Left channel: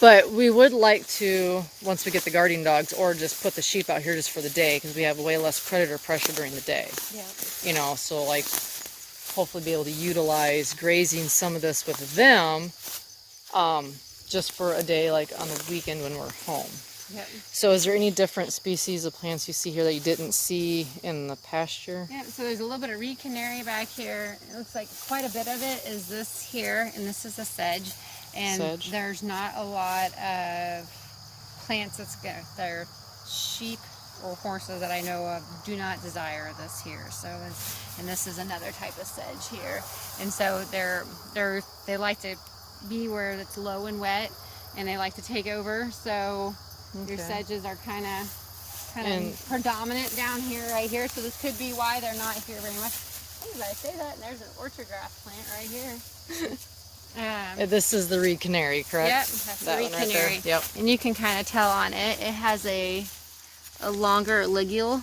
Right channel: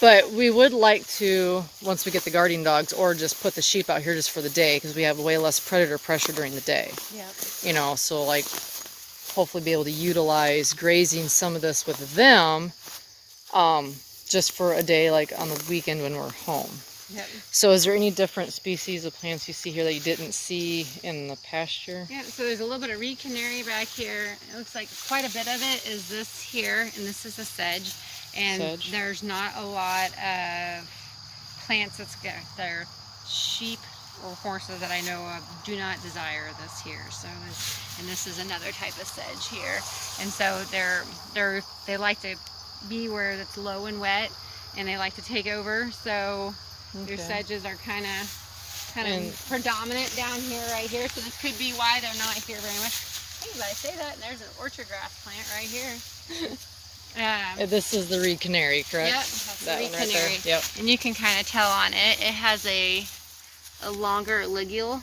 But we would like to, once we get the guardian dogs, or just put the sheep out here just for the day, because we have way less predator pressure during the day. Yeah. You know, so like hopefully be able to utilize grazing some of this with them, just for a day, like on the weekend when we're home. Yep. So is there any different species of plants you see here that you didn't see in the pasture? Yeah, so there's a little bit of reed canary back here. It looks like quite a bit of it is this here, and this is a sedge. And Sedge. There's not a lot of plants that are sheep or horses that I know of do not desire this here. So, and this is another type of sedge here. And so they like to be where it's low and wet, and they like to take over. So your sedges are kind of predominant down here, right here. So this could be why they're not here very much. Hey, but I say that, and there's an orchard grass plant right here. This is the reed canary, correct? Yep, that's that the reed one right canary. there. Yep. And you can kind of tell on it. It has a longer ligule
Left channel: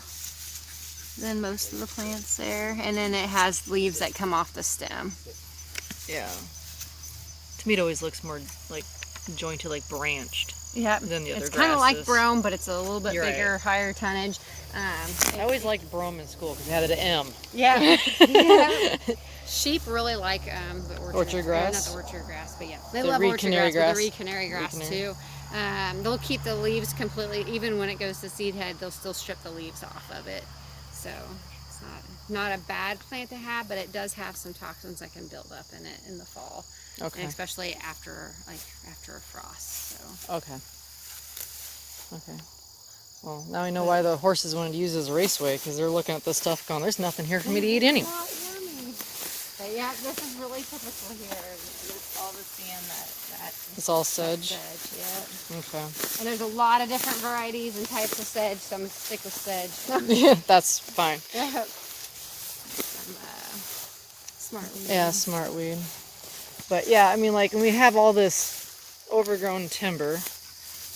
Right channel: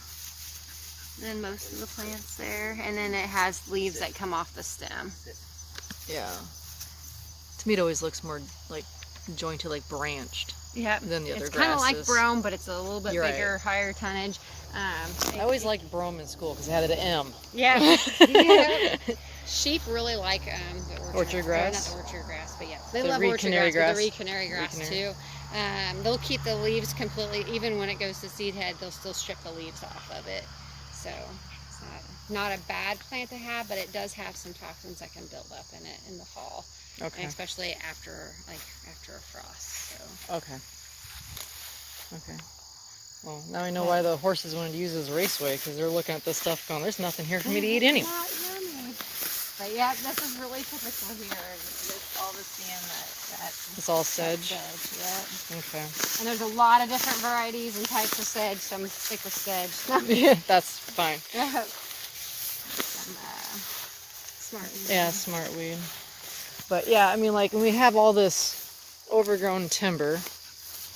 than most of the plants there, and then it has leaves that come off the stem. Yeah. To me, it always looks more like jointed, like branched. Yeah, than the other it's kind of like grasses. brome, but it's a little bit bigger, higher tonnage. I always liked brome in school because it had an M. Yeah. Yeah. Sheep really like the orchard grass. Not the orchard grass, but yeah, they The love reed orchard canary grass, but grass. the reed canary grass too. They'll keep the leaves completely, even when it goes to seed head, they'll still strip the leaves off of it. So it's not a bad plant to have, but it does have some toxins that can build up in it in the fall. Okay. And especially after a frost. So. Okay. Well, now I know why the horses wanted to use this raceway, because they're looking at this stuff going, there's nothing here for me to eat anyway. But yeah, this is really typical here. It's all this being that It's all sedge? Sedge, yeah. Okay. And there's a lot of different varieties and types of sedge, so I'm going to stick with sedge. That's fine. Smart weed. Yeah, smart weed. But yeah, I mean, like, when we have all this overgrown timber,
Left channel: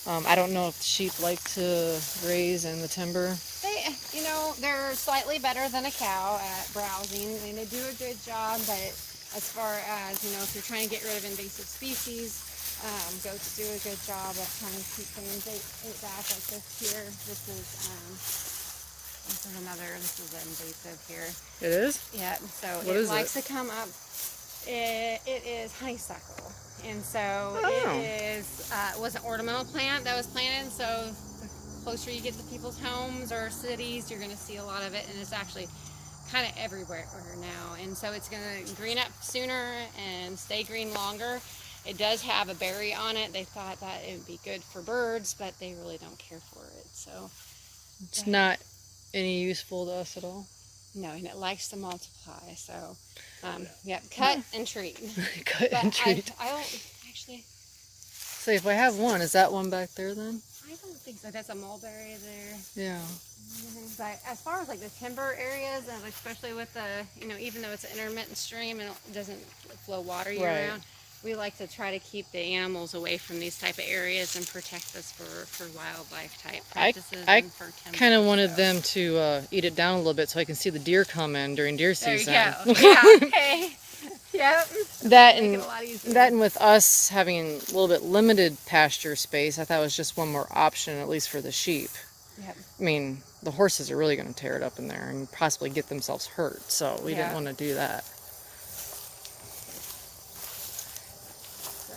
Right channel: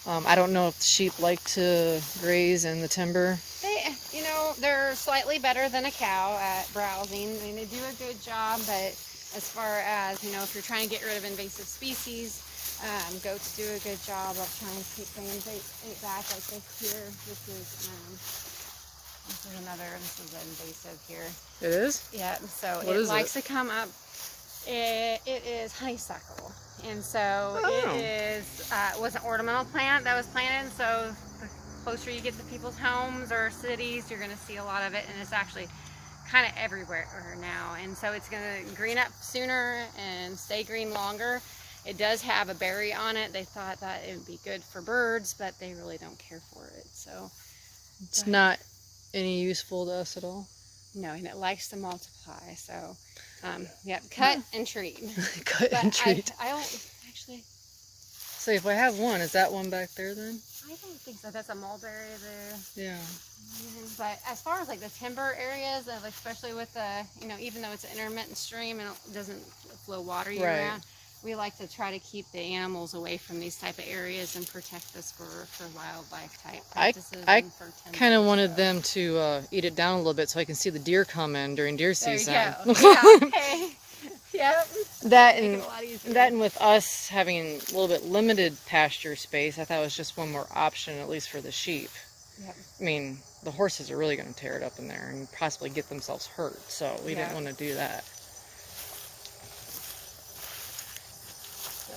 I don't know if sheep like to graze in the timber. They're slightly better than a cow at browsing. I mean, they do a good job, but as far as, if you're trying to get rid of invasive species, goats do a good job of trying to keep things ate back like this here. This is invasive here. It is? Yeah, so what it likes to come up. It is honeysuckle, and so it was an ornamental plant that was planted. So the closer you get to people's homes or cities, you're going to see a lot of it, and it's actually kind of everywhere now. And so it's going to green up sooner and stay green longer. It does have a berry on it. They thought that it would be good for birds, but they really don't care for it. So it's not any useful to us at all. No, and it likes to multiply. So, cut and treat. Cut and treat. I don't actually. So if I have one, is that one back there then? I don't think so. That's a mulberry there. Yeah. But as far as like the timber areas, especially with the, even though it's an intermittent stream and it doesn't flow water year round, we like to try to keep the animals away from these type of areas and protect this for wildlife type practices. I kind of wanted them to eat it down a little bit so I can see the deer come in during deer season. There you go. Yeah. Okay. Yep. That and with us having a little bit limited pasture space, I thought it was just one more option, at least for the sheep. Yep. I mean, the horses are really going to tear it up in there and possibly get themselves hurt, so we didn't want to do that.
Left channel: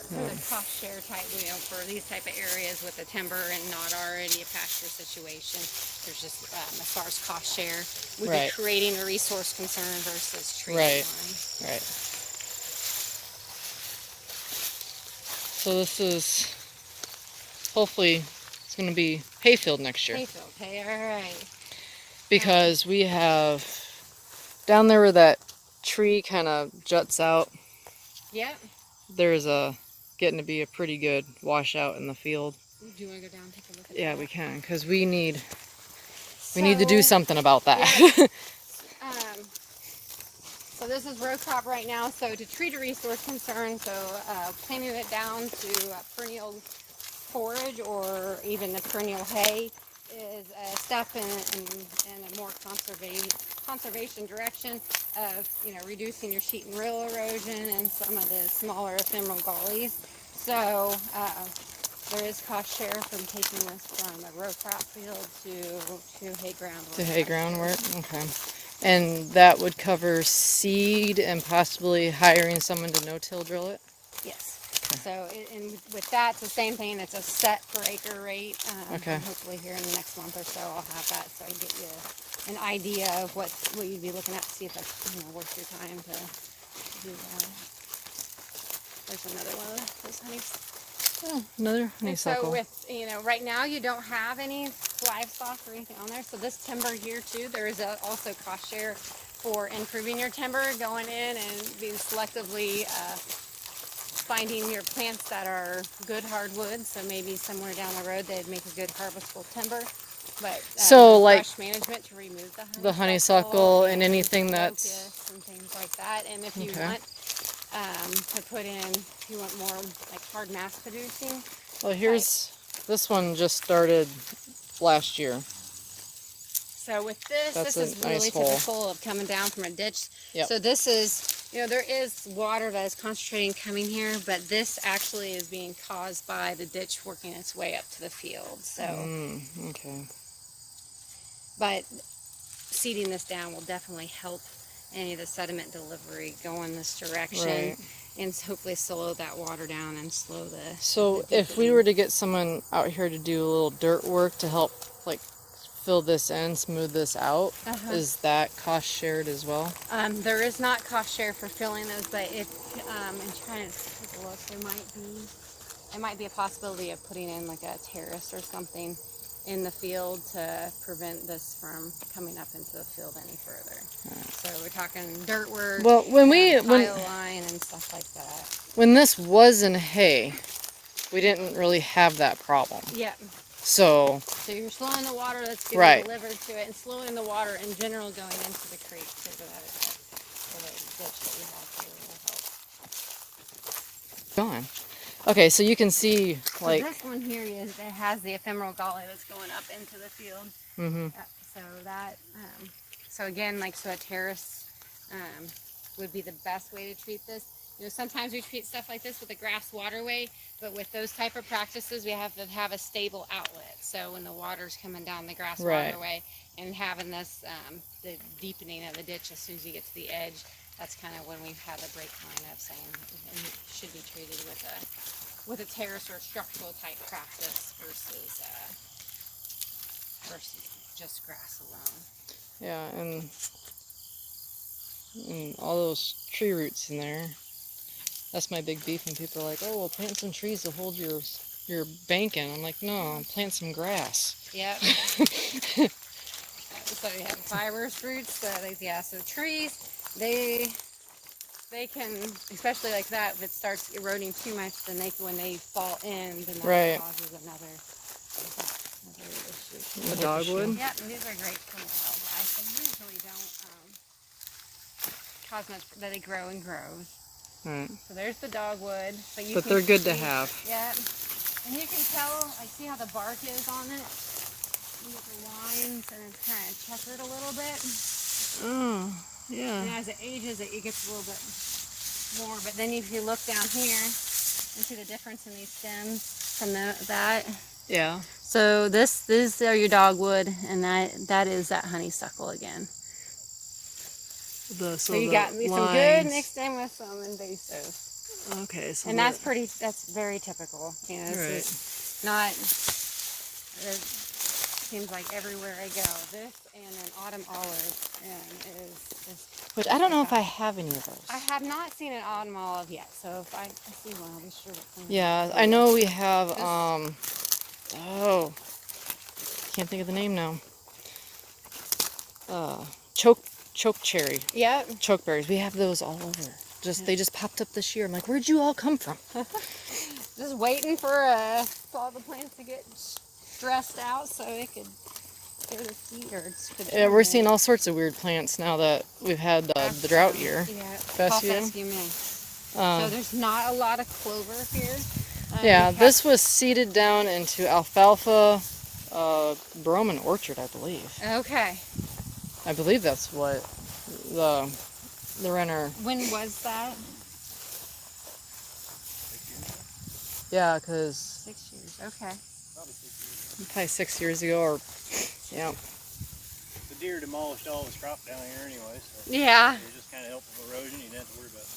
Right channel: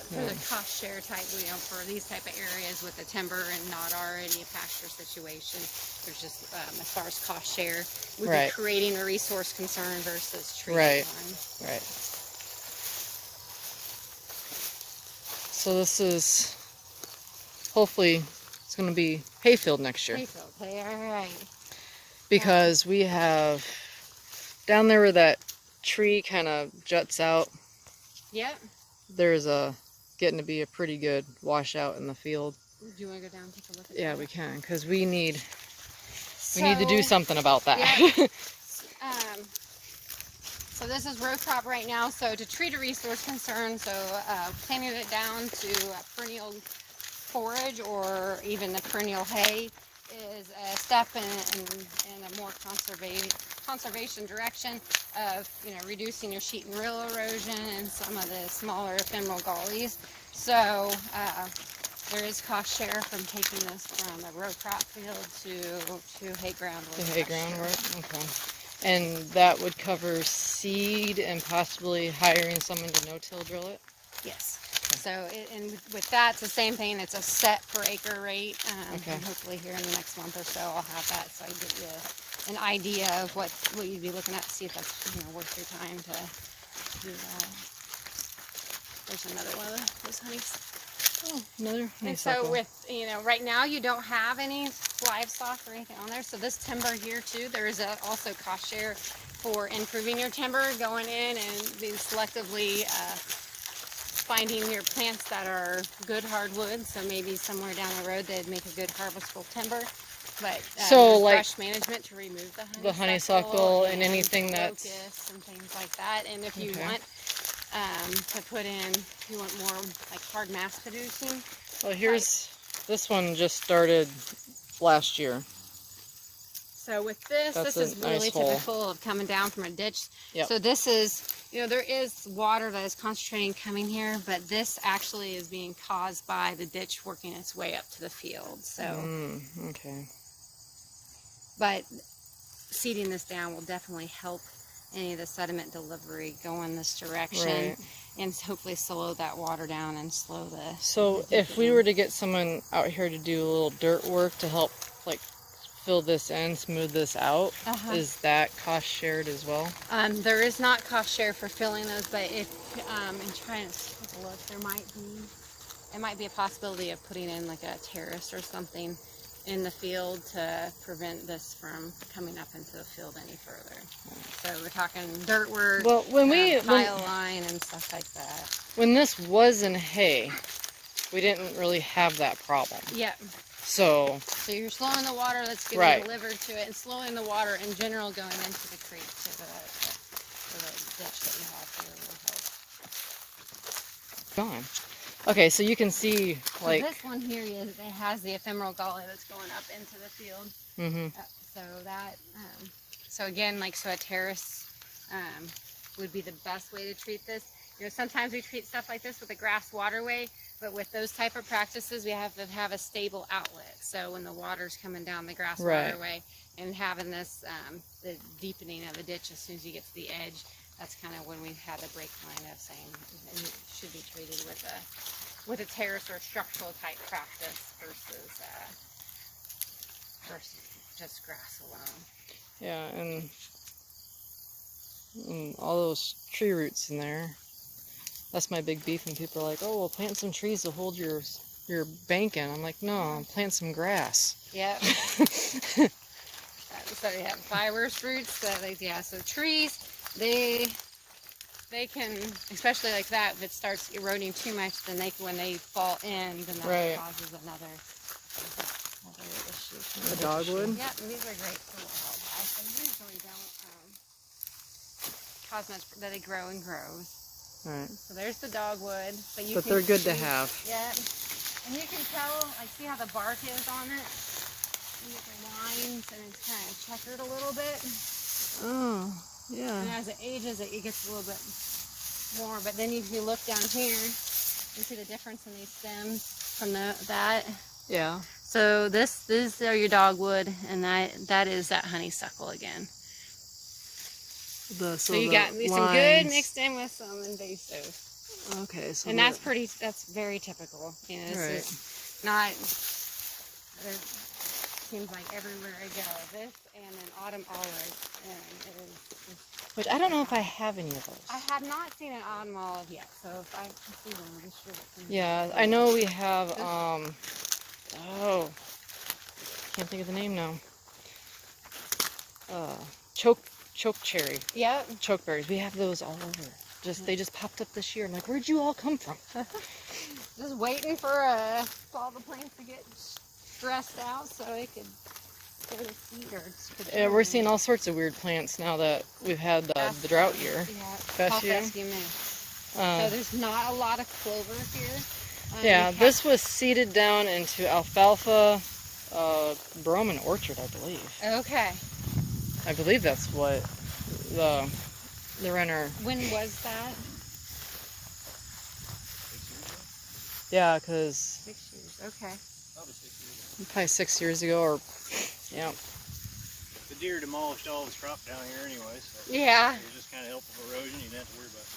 For the cost share type, for these type of areas with the timber and not already a pasture situation, there's just as far as cost share, we'd be creating a resource concern versus treating line. Right. So this is hopefully it's going to be hayfield next year. Hayfield, all right. Because we have down there where that tree kind of juts out. Yep. There's getting to be a pretty good washout in the field. Do you want to go down and take a look at that? Yeah, we can, because we need to do something about that. Yeah. So this is row crop right now. So to treat a resource concern, so planting it down to perennial forage or even the perennial hay is a step in a more conservation direction of reducing your sheet and rill erosion and some of the smaller ephemeral gullies. So There is cost share from taking this from a row crop field to hay ground. The hay ground work? Okay. And that would cover seed and possibly hiring someone to no-till drill it? Yes. So, and with that, it's the same thing. It's a set per acre rate. Okay. And hopefully here in the next month or so, I'll have that so I can get you an idea of what you'd be looking at to see if that's worth your time to do that. There's another one of those honeys. Oh, another honeysuckle. So with, right now you don't have any livestock or anything on there. So this timber here too, there is also cost share for improving your timber, going in and being selectively finding your plants that are good hardwood. So maybe somewhere down the road they'd make a good harvestable timber. But so like brush management to remove the honeysuckle and anything that's locusts and things like that. And if you want to put in, if you want more like hard mass producing. Well, here's this one just started last year. So with this, That's this is a nice really hole. typical of coming down from a ditch. Yep. So this is, there is water that is concentrating coming here, but this actually is being caused by the ditch working its way up to the field. So, okay. But seeding this down will definitely help any of the sediment delivery go in this direction. Right. And hopefully slow that water down and slow the... So if we were to get someone out here to do a little dirt work to help like fill this in, smooth this out, is that cost shared as well? There is not cost share for filling those, but if I'm trying to take a look, there might be a possibility of putting in like a terrace or something in the field to prevent this from coming up into the field any further. So we're talking dirt work, Well, when tile line and stuff like that. when this was in hay, we didn't really have that problem. Yeah. So you're slowing the water that's getting delivered to it, and slowing the water in general going into the creek to the ditch that we have here will help. gone. Okay, so you can see like so this one here it has the ephemeral gully that's going up into the field. So that so again, like, so a terrace would be the best way to treat this. Sometimes we treat stuff like this with a grass waterway, but with those type of practices, we have to have a stable outlet. So when the water's coming down the grass waterway, and having this, the deepening of the ditch as soon as you get to the edge, that's kind of when we've had the break line of saying it should be treated with a terrace or a structural type practice versus just grass alone. yeah, and all those tree roots in there. That's my big beef when people are like, oh, well, plant some trees to hold your bank in. I'm like, no, plant some grass. Yep. So you have fibrous roots. So trees, they can, especially like that, if it starts eroding too much, then when they fall in, then that causes another issue. The dogwood? Yep, and these are great for wildlife. They usually don't cause much, but they grow and grows. Right. So there's the dogwood. But they're good to have. Yeah. And you can tell, like, see how the bark is on it? You get the lines, and it's kind of checkered a little bit. Oh, yeah. And as it ages, it gets a little bit more. But then if you look down here, you see the difference in these stems from that. Yeah. So these are your dogwood, and that is that honeysuckle again. So you got some good mixed in with some invasive. Okay, so and that's very typical. It's not. It seems like everywhere I go, this and an autumn olive, and it is. Which I don't know if I have any of those. I have not seen an autumn olive yet, so if I can see one, I'll be sure what kind. Yeah, I know we have. Can't think of the name now. Choke cherry. Yep. Chokeberries. We have those all over. They just popped up this year. I'm like, where'd you all come from? Just waiting for all the plants to get stressed out so it could go to seed or Yeah, we're seeing all sorts of weird plants now that we've had the drought year. Yeah. Fescue. So there's not a lot of clover here. Yeah, this was seeded down into alfalfa, brome orchard, I believe. Okay. I believe that's what the renter. When was that? Yeah, because 6 years. Okay. Probably 6 years. Probably 6 years ago, or yeah. The deer demolished all this crop down here anyway, so Yeah. it was just kind of helping erosion. You didn't have to worry about it.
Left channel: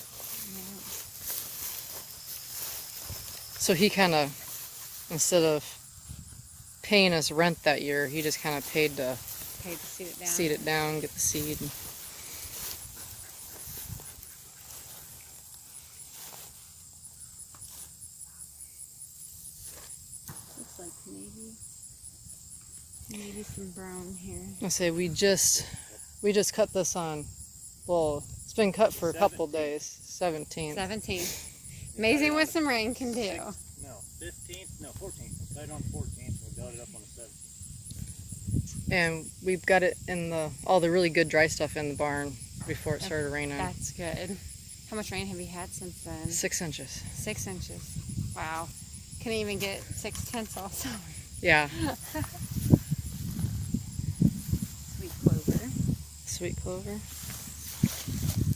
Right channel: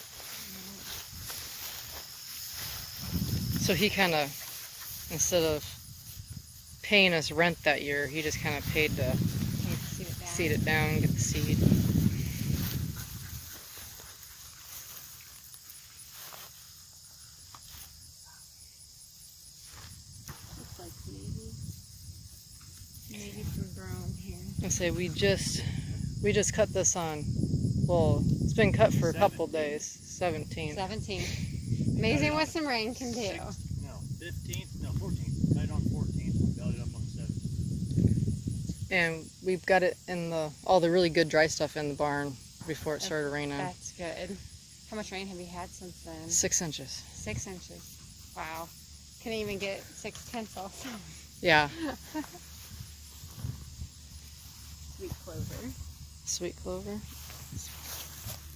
So he kind of, instead of paying us rent that year, he just kind of paid to Okay, seed it down. seed it down, get the seed. Looks like maybe some brown here. I say we just cut this on. Well, it's been cut for a couple days. 17th. 17th. Amazing what some rain can do. 15th, no, 14th. Right on 14th, we got it up on the 7th. And we've got it in all the really good dry stuff in the barn before it started raining. That's good. How much rain have you had since then? 6 inches. 6 inches. Wow. Couldn't even get 6/10 also. Yeah. Sweet clover. Sweet clover.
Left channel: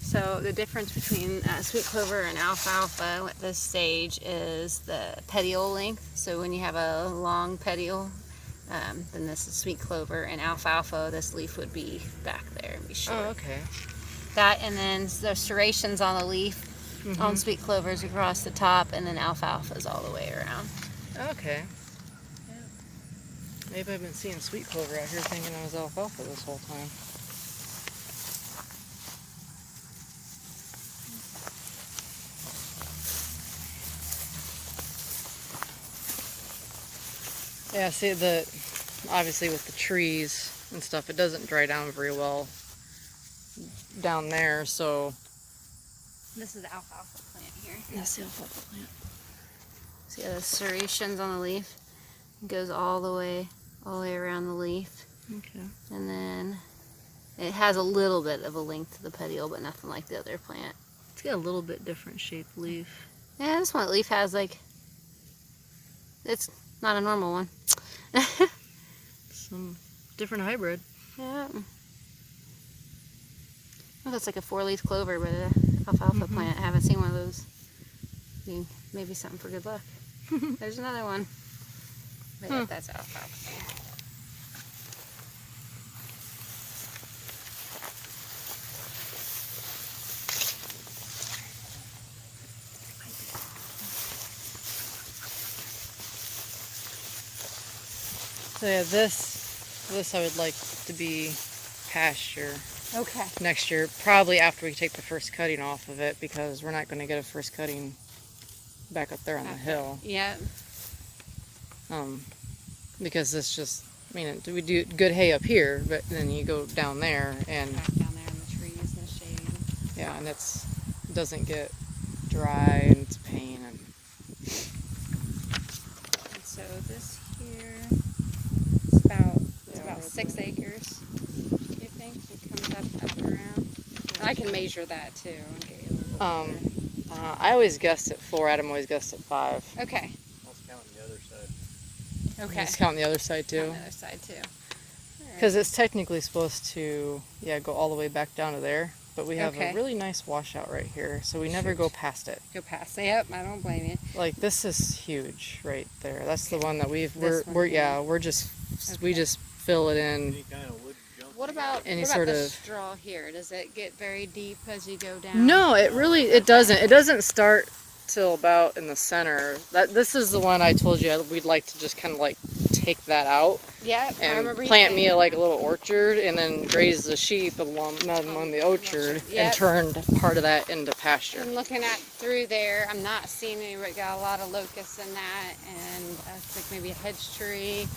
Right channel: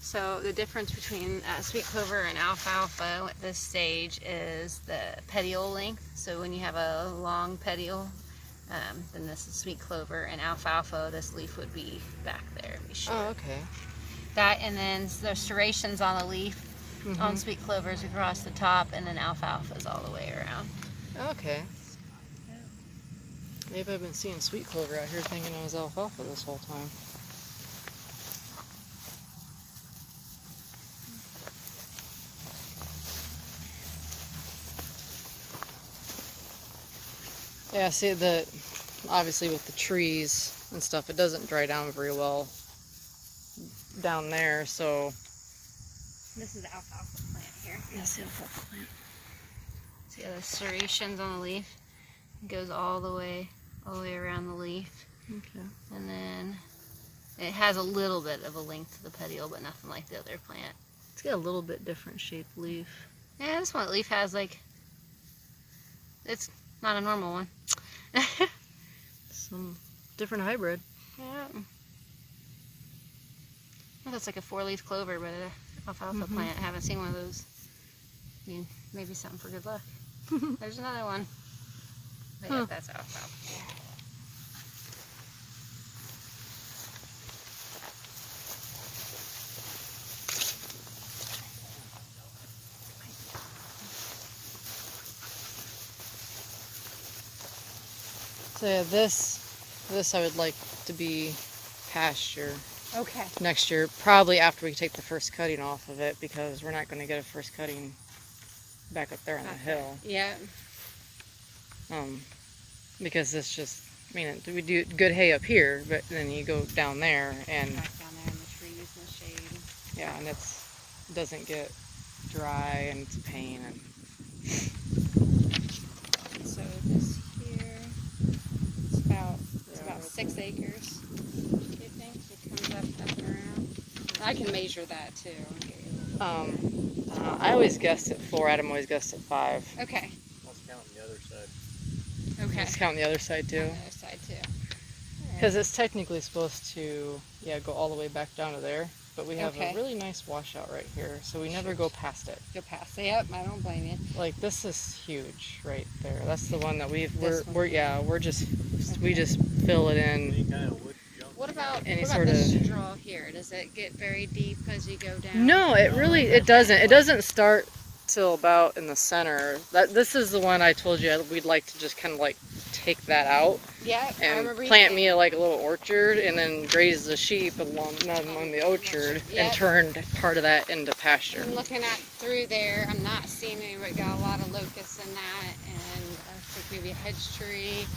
So the difference between sweet clover and alfalfa at this stage is the petiole length. So when you have a long petiole, then this is sweet clover, and alfalfa, this leaf would be back there and be short. Oh, okay. That, and then the serrations on the leaf on sweet clovers across the top, and then alfalfa's all the way around. Okay. Maybe I've been seeing sweet clover out here thinking it was alfalfa this whole time. Yeah, see, obviously with the trees and stuff, it doesn't dry down very well down there, so. This is the alfalfa plant here. That's the alfalfa plant. See the serrations on the leaf? It goes all the way around the leaf. Okay. And then it has a little bit of a length to the petiole, but nothing like the other plant. It's got a little bit different shaped leaf. Yeah, this one leaf has it's not a normal one. Some different hybrid. Yeah. Well, that's like a 4-leaf clover, but an alfalfa plant. I haven't seen one of those. I mean, maybe something for good luck. There's another one. I think that's alfalfa. So yeah, this I would like to be pasture Okay. next year, probably after we take the first cutting off of it, because we're not going to get a first cutting back up there on the hill. Yeah. Because it's just, I mean, we do good hay up here, but then you go down there and Down there in the trees and the shade. yeah, and it doesn't get dry and it's a pain. And So this here, it's about 6 acres. Do you think it comes up and around? I can measure that too. And get you a little bigger. I always guessed at 4. Adam always guessed at 5. Okay. Let's count the other side. Okay. Let's count the other side On too, the other side too. because it's technically supposed to go all the way back down to there, but we have Okay. a really nice washout right here, so we never go past it. Go past. Yep. I don't blame you. Like this is huge right there. That's the one that we Okay. just fill it in. Any kind of wood junk. What about Any the sort of- straw here? Does it get very deep as you go down? No, it doesn't. It doesn't start till about in the center. This is the one I told you we'd like to just kind of like take that out Yeah. I and remember you plant saying- me like a little orchard and then graze the sheep along the orchard Yep. and turn part of that into pasture. I'm looking at through there. I'm not seeing anybody got a lot of locusts in that, and I think maybe a hedge tree.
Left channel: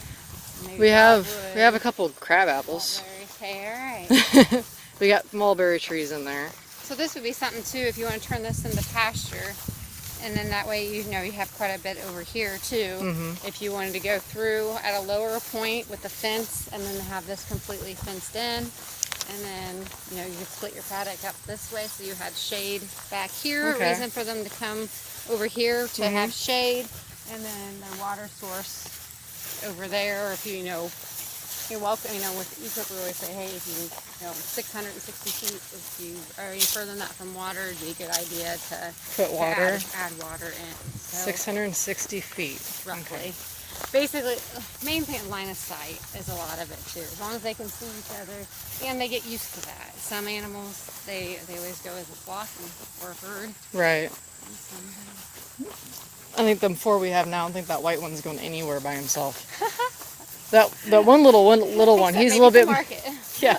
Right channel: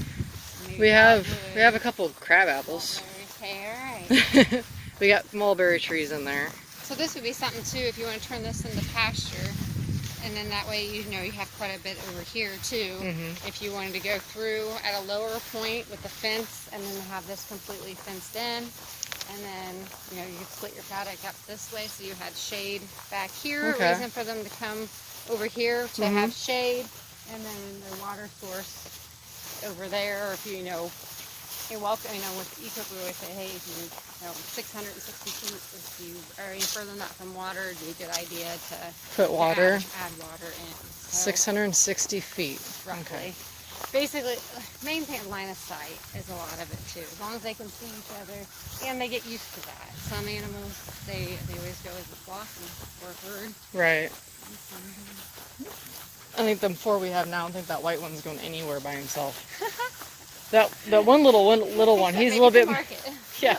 Maybe We have dogwood, a couple of crab apples. Okay, all right. We got mulberry trees in there. So this would be something too if you want to turn this into pasture, and then that way you have quite a bit over here too. If you wanted to go through at a lower point with the fence, and then have this completely fenced in, and then you could split your paddock up this way so you have shade back here. Okay. Reason for them to come over here to have shade, and then their water source over there. Or if you're welcome, with Eco Brew, I say, hey, if you 660 feet, if you are any further than that from water, it'd be a good idea to Put water. add water in. So, 660 feet. roughly. basically, main thing, line of sight is a lot of it too. As long as they can see each other, and they get used to that. Some animals, they always go as a flock or a herd. Right. And some I think the 4 we have now, I don't think that white one's going anywhere by himself. that one little one, he's a little bit. Market. Yeah.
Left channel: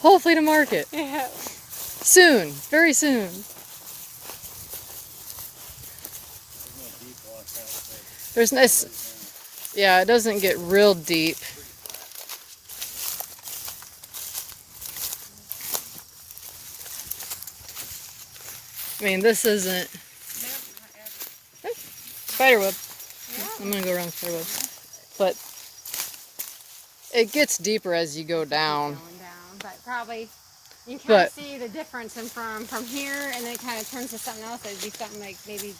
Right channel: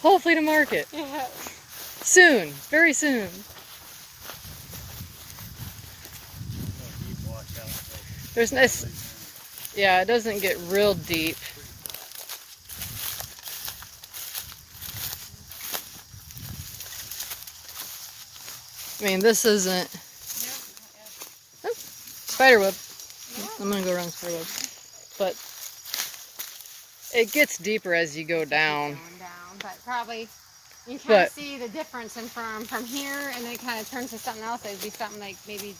Hopefully to market. Yeah. Soon, very soon. Deep washouts. There's this. Yeah, it doesn't get real deep. I mean, this isn't. Oh, spiderweb. I'm gonna go around the spiderweb. But it gets deeper as you go down. But probably you can But- see the difference in from here, and then it kind of turns to something else. It'd be something like maybe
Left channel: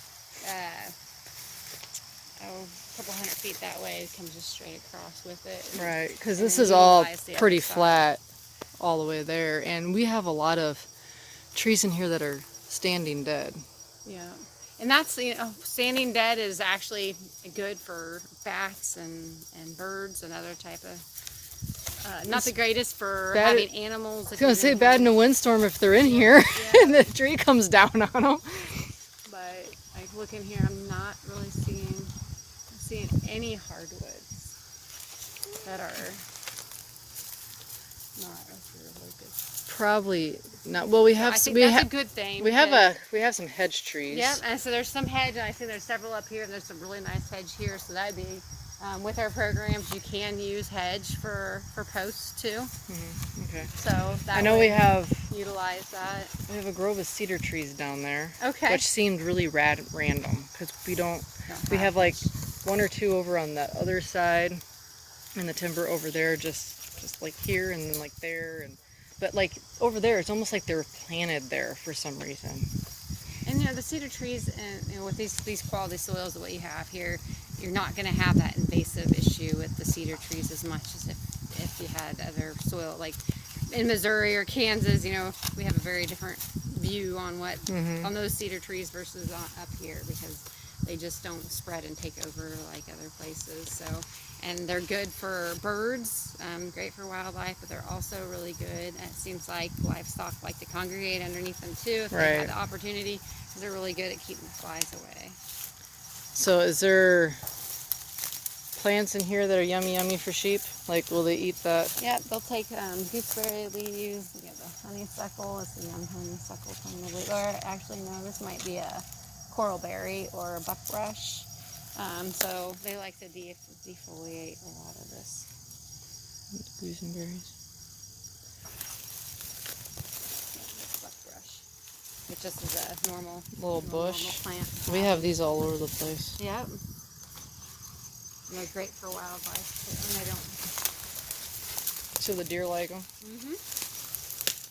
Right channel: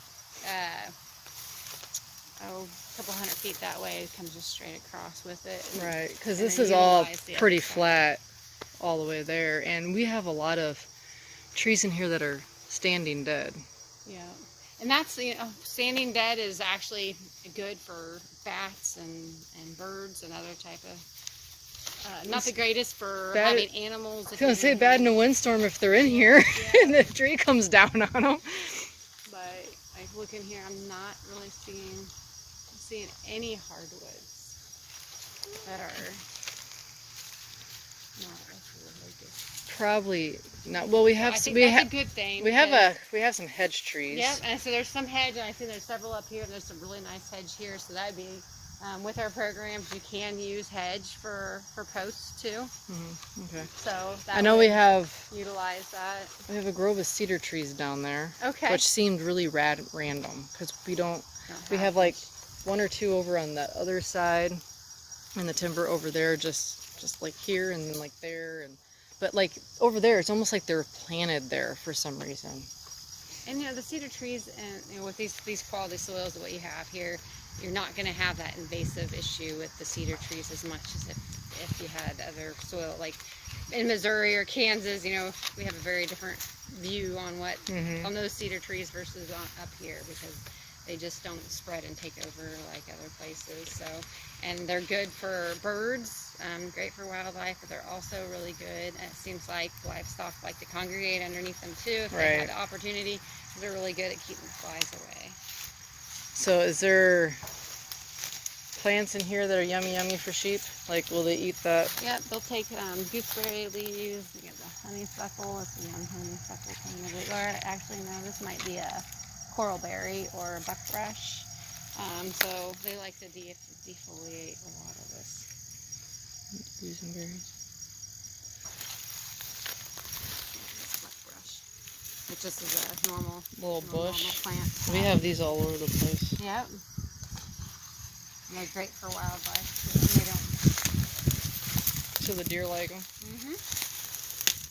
a couple hundred feet that way. It comes just straight across with it. Right, because and this then is all utilize the pretty other side. flat all the way there, and we have a lot of trees in here that are standing dead. Yeah, and that's, standing dead is actually good for bats and birds and other type of. Not the greatest for Bad- having animals. I was gonna say bad in a windstorm if they're in here and the tree comes down on them. But I look in here, I'm not really seeing any hardwoods that are not really good. Probably not. Well, we I have think we that's have a good thing. we have because- some hedge trees. Yep, and so there's some hedge, and I see there's several up here, and there's some really nice hedge here, so that'd be, with our programs, you can use hedge for posts too, Okay. so that I know we have utilize that. a grove of cedar trees down there, Okay. which seemed really random because we have like 1 or 2 over on the other side, and the timber over there just like here and then like there, but like over there it's almost like they're planted there for some reason. And the cedar trees, and with these quality soils of what you have here, you're not going to have that invasive issue with the cedar trees as much as if you had other soil, like in Missouri or Kansas. We have a very different view on on those cedar trees versus up here, because they just don't spread and take over like other places. So, and they're good for birds, great for wildlife, but they're also really good. And it seems like livestock like to congregate underneath them too if they have the opportunity, because they're really good at keeping the flies away. So is there plants in here that are yummy for sheep? Like, will they eat that? Yep, they'll take gooseberry leaves. We got the honeysuckle. It's a young honeysuckle kind of, or actually no, this might be a coralberry or a buckbrush. So they like to defoliate a lot of this. Boysenberries. Buckbrush. It just is a normal Little bush. normal plant. We have these all over the place. Yep. And they're great for wildlife too. They don't. So the deer like them. Mhm.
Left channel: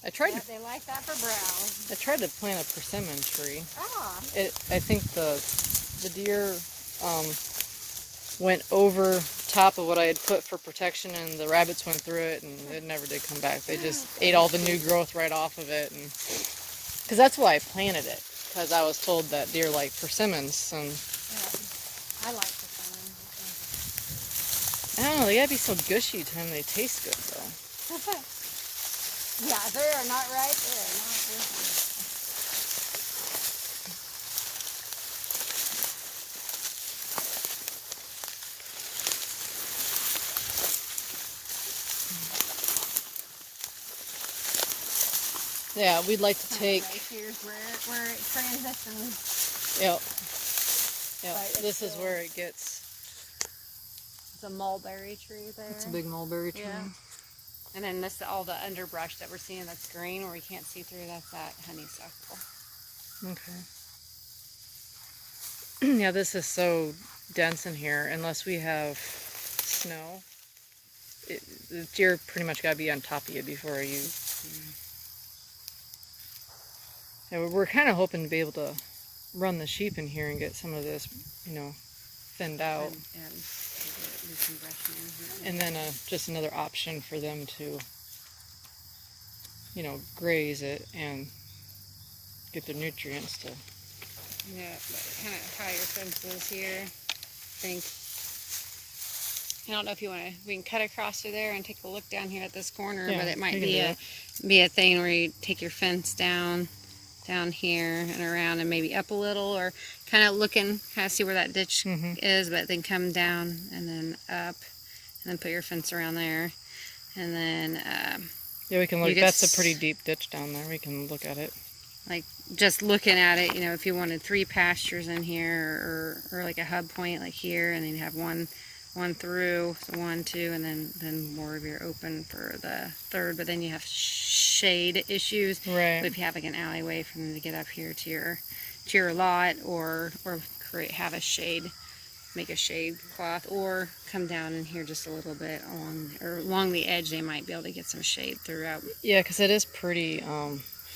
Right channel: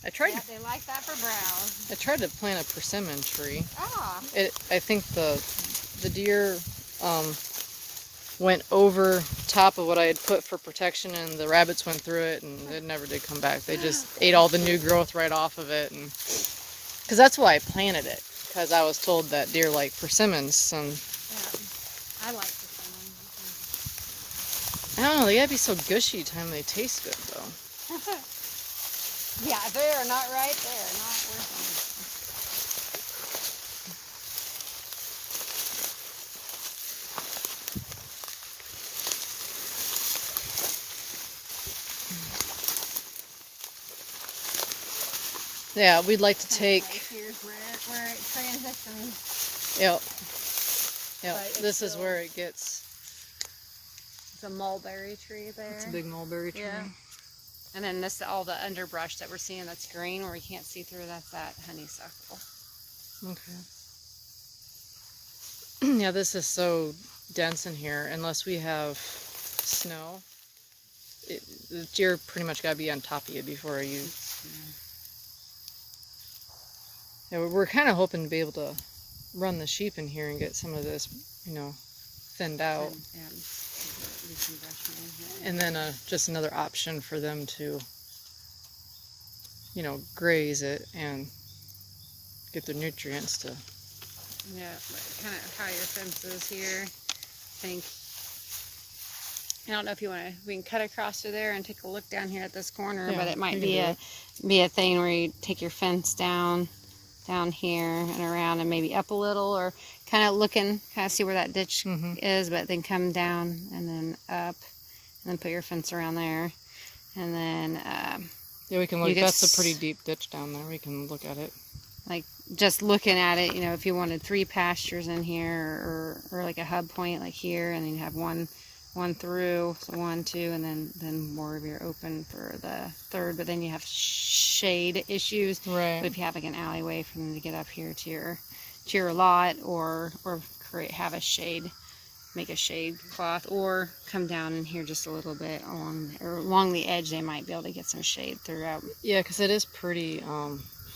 I tried They like that for browse. to plant a persimmon tree. Ah. I think the deer went over top of what I had put for protection, and the rabbits went through it, and it never did come back. They just ate all the new growth right off of it, and because that's why I planted it, because I was told that deer like persimmons, and Yeah. I like persimmon. I don't know, they gotta be so gushy time they taste good though. Yeah, they are not right. They are not good. Yeah, we'd like to take. Right here's where it transitions. Yep. Right, it's This is still- where it gets. It's a mulberry tree there. It's a big mulberry tree. Yeah. And then all the underbrush that we're seeing that's green where we can't see through, that's that honeysuckle. Okay. Yeah, this is so dense in here. Unless we have snow, the deer pretty much gotta be on top of you before you. Yeah, we're kind of hoping to be able to run the sheep in here and get some of this, thinned out, And do some brushing in here. and then just another option for them to, graze it and get their nutrients to. Yeah, kind of how your fence is here. I think I don't know if you want to. We can cut across through there and take a look down here at this corner, Yeah, but it might we can do be a thing where you take your fence down here and around and maybe up a little, or kind of see where that ditch is, but then come down and then up, and then put your fence around there, and then Yeah, we can look. you That's a just- pretty deep ditch down there. We can look at it. like just looking at it, if you wanted 3 pastures in here, or like a hub point like here, and then you have one through, so 1, 2, and then more of your open for the third. But then you have shade issues, Right. if you have like an alleyway for them to get up here to your lot, or have a shade, make a shade cloth, or come down in here just a little bit along the edge. They might be able to get some shade throughout. Yeah, because it is pretty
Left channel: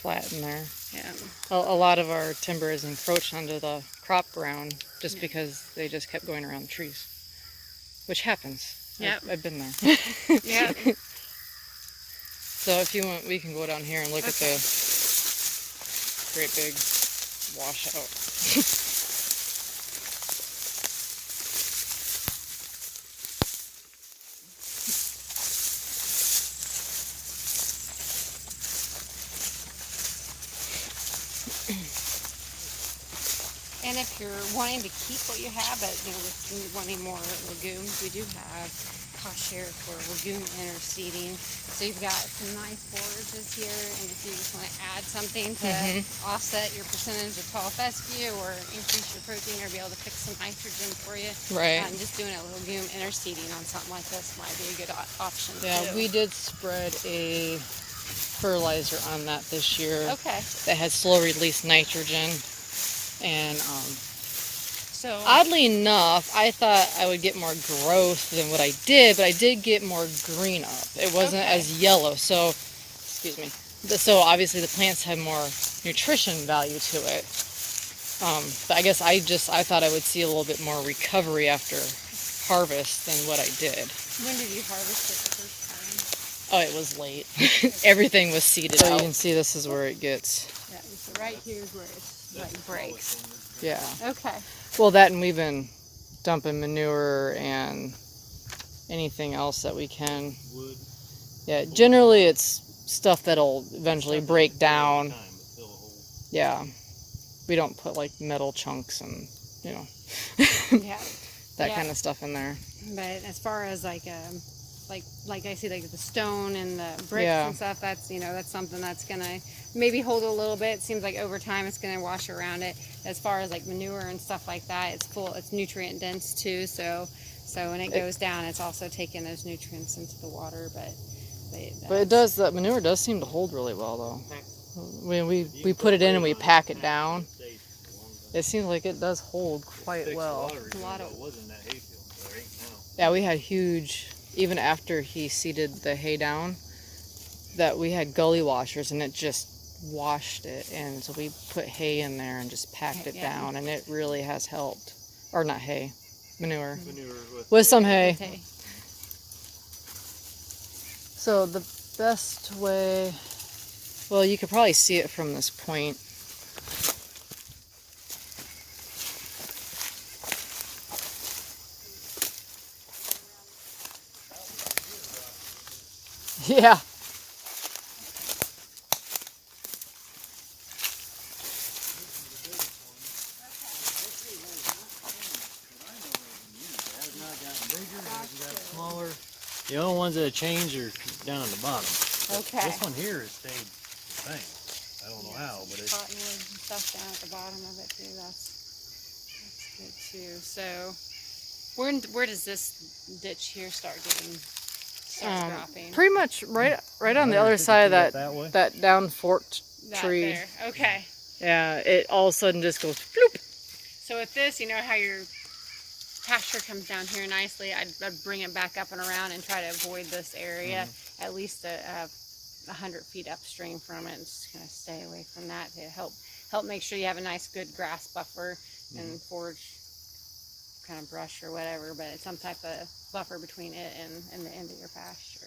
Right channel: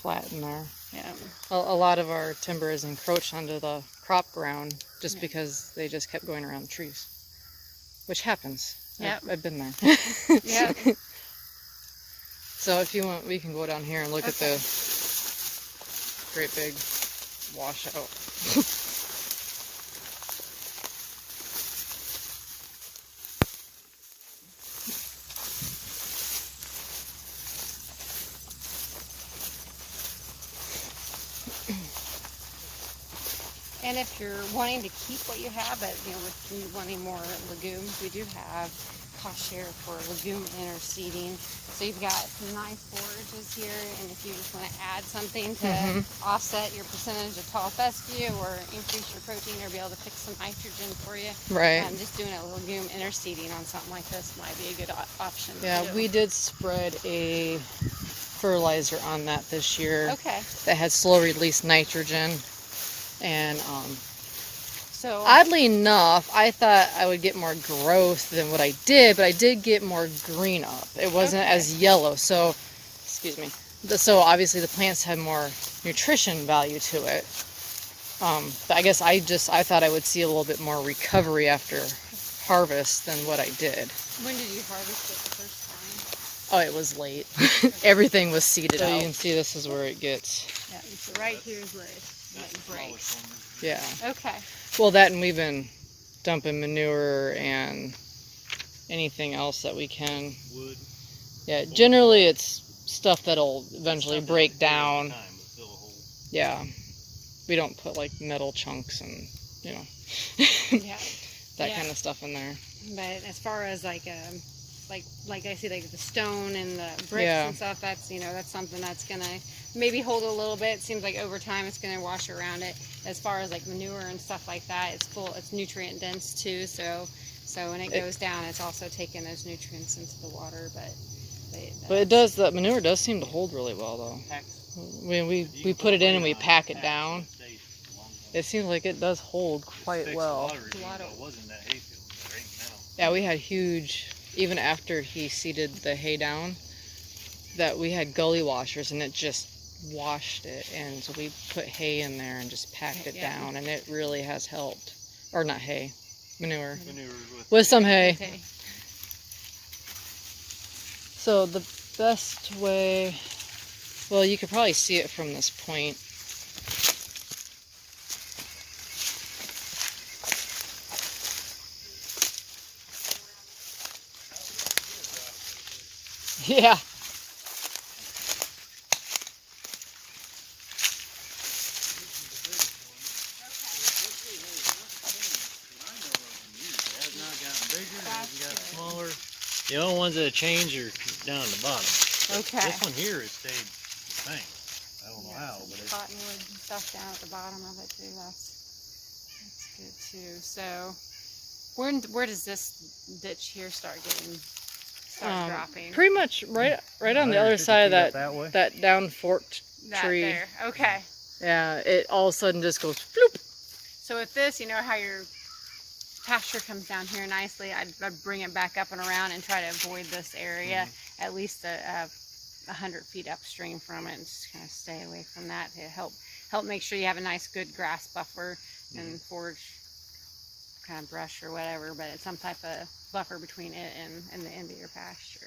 flat in there. Yeah. A lot of our timber is encroached onto the crop ground just because they just kept going around the trees, which happens. Yep. I've been there. Yeah. So if you want, we can go down here and look at Okay. the great big washout. And if you're wanting to keep what you have, but if you're wanting more legumes, we do have pasture for legume interseeding. So you've got some nice forages here, and if you just want to add something to offset your percentage of tall fescue, or increase your protein, or be able to fix some nitrogen for you, Right. just doing a legume interseeding on something like this might be a good option. Yeah, too. we did spread a fertilizer on that this year Okay. that had slow release nitrogen. And So oddly enough, I thought I would get more growth than what I did, but I did get more green up. It wasn't Okay. as yellow. So, excuse me. So obviously the plants had more nutrition value to it. But I guess I thought I would see a little bit more recovery after harvest than what I did. when did you harvest it the first time? Oh, it was late. Everything was seeded. So you can see this is where it gets. Yeah, so right here is where it's breaks. Yeah. Okay. Well, that, and we've been dumping manure and anything else that we can. Wood. Yeah, generally it's stuff that'll eventually break down. Yeah. We don't put like metal chunks and, Yeah. that Yeah. kind of stuff in there. But as far as like I see like the stone and the bricks Yeah. and stuff, that's that's something that's gonna maybe hold a little bit. It seems like over time it's gonna wash around it. As far as like manure and stuff like that, it's nutrient dense too. So when it goes down, it's also taking those nutrients into the water. But that manure does seem to hold really well though. When we put it in and we pack it down, it seems like it does hold quite well. Yeah, we had huge, even after he seeded the hay down, that we had gully washers and it just washed it. And so we put hay in there and just packed it down, and it really has helped. Or not hay, manure. With some hay. Okay. So the best way, well, you could probably see it from this point. Yeah. The only ones that have changed are down at the bottom. Okay. This one here has stayed the same. I don't know how, but it's. Cottonwood stuff down at the bottom of it too. That's good too. So where does this ditch here start dropping? Pretty much right on the other side of that down forked That tree. there. Okay. Yeah, it all of a sudden just goes bloop. So with this, how your pasture comes down here nicely, I'd bring it back up and around and try to avoid this area at least 100 feet upstream from it, and just kind of stay away from that to help make sure you have a nice good grass buffer and forage kind of brush or whatever, but it's some type of buffer between it and the end of your pasture.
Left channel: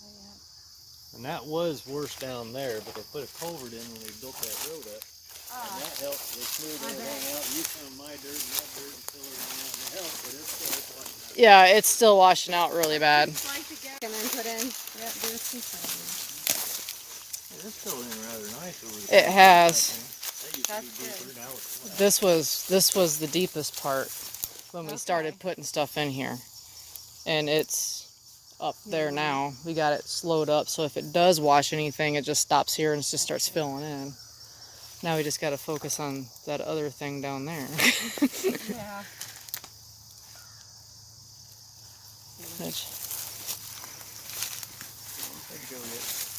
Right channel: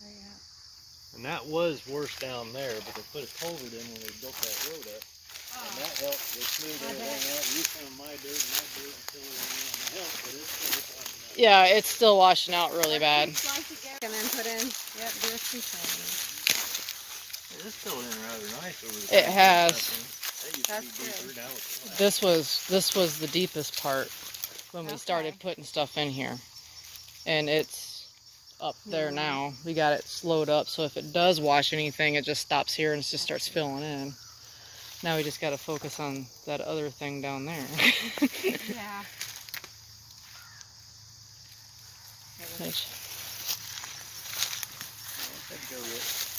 So, yeah. And that was worse down there, but they put a culvert in when they built that road up. And that helped with smooth everything out. You found my dirt and that dirt and fill everything out and it helped, but it's still washing out. Yeah, it's still washing out really bad. Slice it down and then put in. Yep, do some things. It's filled in rather nice over the It has. That used to That's be deeper. good. Now it's flat. This was the deepest part when we started Okay. putting stuff in here, and it's up there now. We got it slowed up, so if it does wash anything, it just stops here and it just starts filling in. Now we just got to focus on that other thing down there. Yeah. Which, There you go, yeah.